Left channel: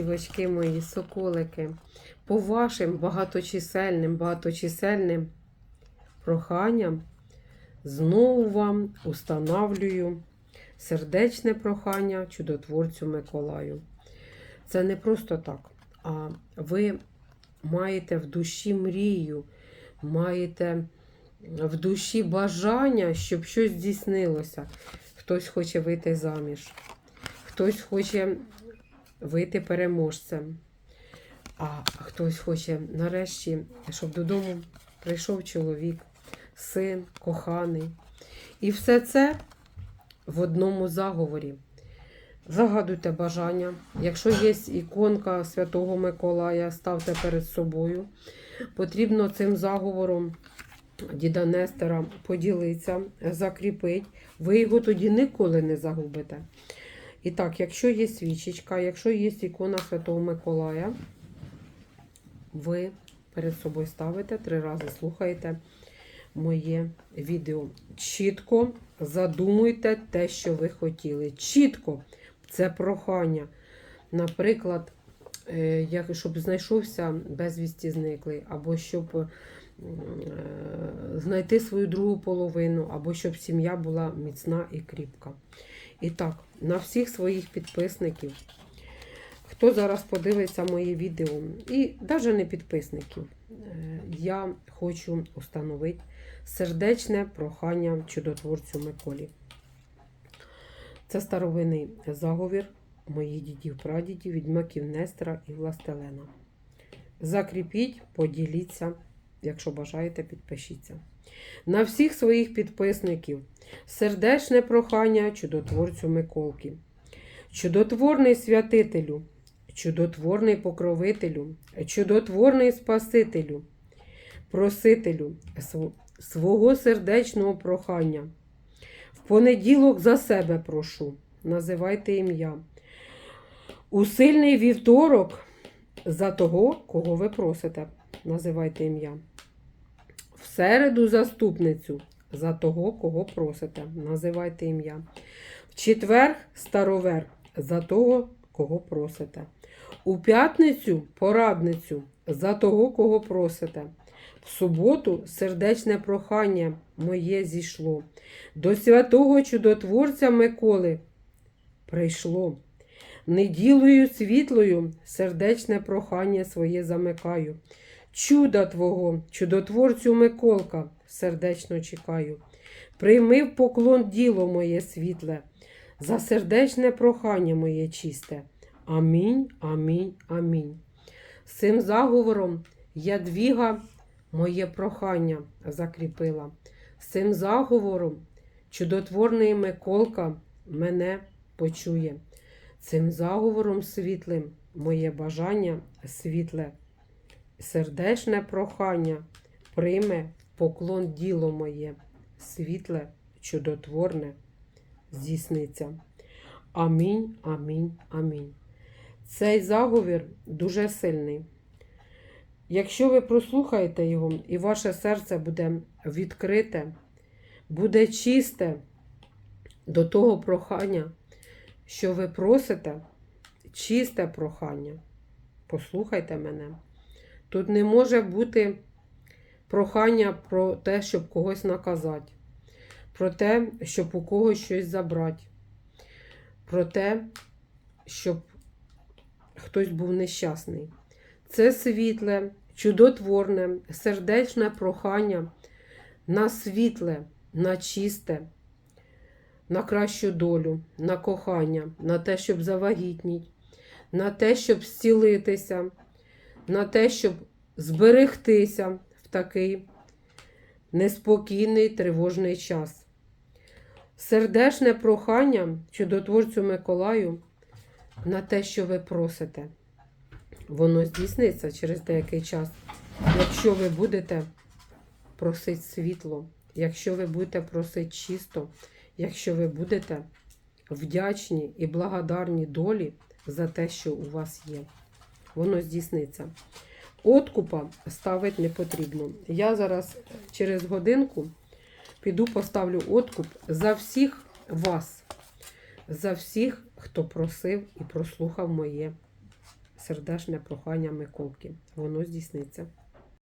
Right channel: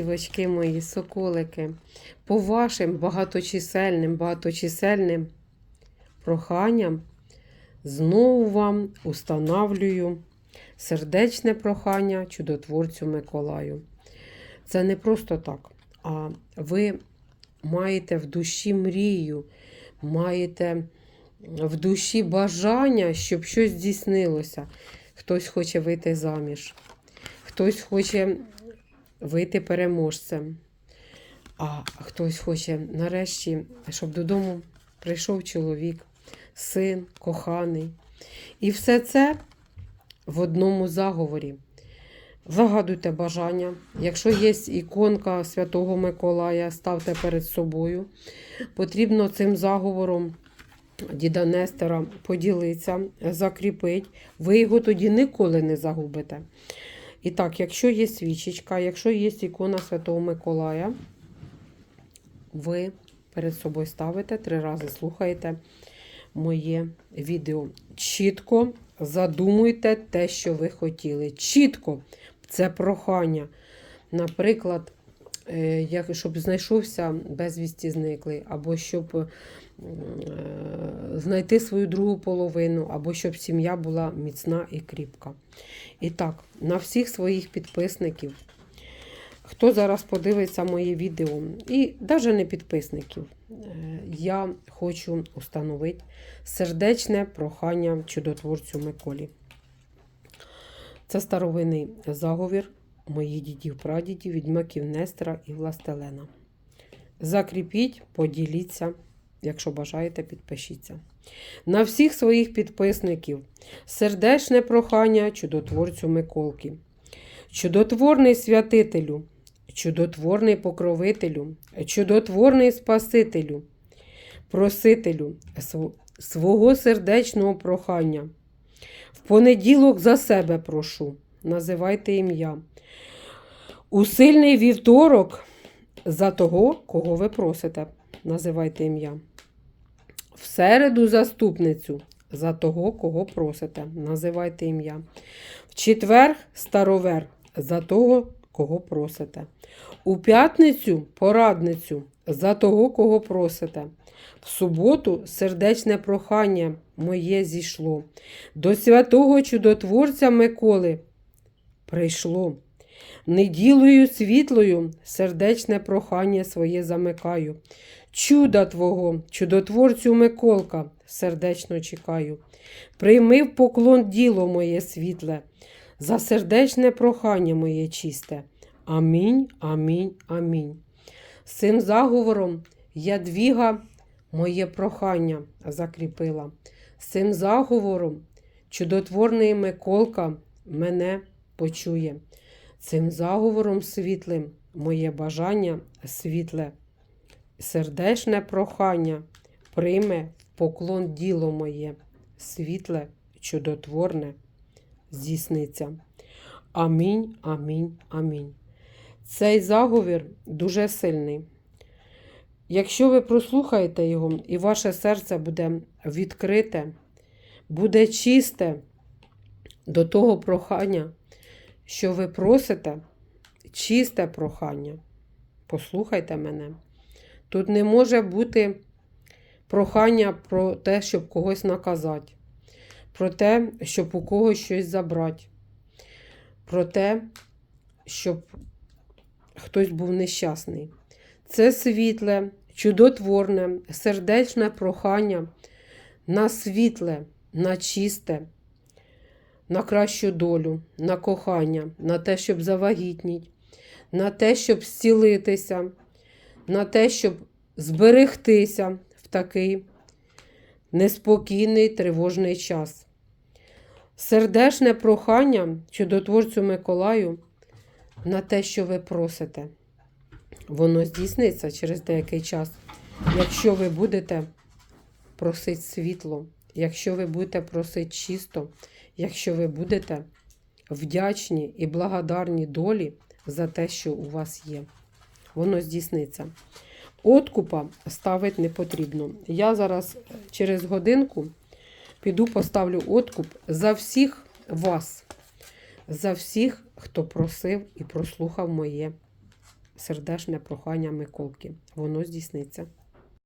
Дівочки мої, соколики, по вашим багаточисельним, багаточисельним проханням знову вам устанавлюю сердечне прохання чудотворцю Миколаю. Це не просто так, а ви маєте в душі мрію, маєте в душі бажання, щоб щось здійснилося. Хтось хоче вийти заміж, хтось хоче вийти переможцем. А хтось хоче нарешті, щоб додому прийшов чоловік, син, коханий. І все це в одному заговорі. Загадуйте бажання. Якщо є іконка Святого Миколая, ставте перед собою. Потрібно цим заговором діда Нестера поділитися, закріпити. Ви його тоді ніколи не загубите. І так, якщо є свічечка, якщо є ікона Святого Миколая, ви перед собою ставите три рази слухаєте моє відео. Чітко задумуйте те, що ви хотіли. Чітко це прохання. Наприклад, е, щоб знайшовся безвісті зниклий, або щоб знайти свою другу половину, або щоб сім'я була міцна і кріпка. І так, на всіх своїх підписників, хто зараз подивиться моє відео, і навіть не підписників, е, я хочу установити сердечне прохання чудотворцю Миколі. Це старовинний заговір моїх дідів, прадідів, відьмаків Нестера і Властелена. Закріпіть, поділіться, якщо бажаєте, підпишіться. На всіх своїх підписників сердечне прохання чудотворцю Миколки. Чудотворний святителю, чудотворний покровителю, чудотворний Спасителю, просителю свого сердечного прохання. В понеділок за себе прошу, називайте ім'я. У сильний вівторок за того, кого ви просите, називайте ім'я. В середу заступницю за того, кого просите, називайте ім'я. В четвер старовер за того, кого просите. У п'ятницю порадницю за того, кого просите. В суботу сердечне прохання моє зійшло. До святого чудотворця Миколи прийшло. Неділою світлою сердечне прохання своє замикаю. Чуда Твого, чудотворцю Миколка, сердечно чекаю. Прийми в поклон діло моє світле, за сердечне прохання моє чисте. Амінь, амінь, амінь. З цим заговором ядвіга моє прохання закріпила. З цим заговором чудотворний Миколка мене почує. Цим заговором світлим моє бажання світле, сердечне прохання прийме в поклон діло моє, світле, чудотворне здійсниться. Амінь, амінь, амінь. Цей заговір дуже сильний. Якщо ви прослухаєте його, і ваше серце буде відкрите, буде чисте до того прохання, що ви просите, чисте прохання. Послухайте мене. Тут не може бути прохання про те, щоб когось наказати, про те, щоб у когось щось забрати, про те, щоб хтось був нещасний. Це світле, чудотворне, сердечне прохання на світле, на чисте, на кращу долю, на кохання, на те, щоб завагітніть, на те, щоб зцілитися, на те, щоб зберегтися в такий неспокійний тривожний час. Сердечне прохання чудотворцю Миколаю на те, що ви просите. Воно здійсниться через деякий час, якщо ви будете просити світло, якщо ви будете просити чисто, якщо ви будете вдячні і благодарні долі за те, що у вас є. Воно здійсниться. Откупа ставити не потрібно. Я зараз через годинку піду поставлю откуп за всіх вас, за всіх, хто просив і прослухав моє сердешне прохання Миколки. Воно здійсниться.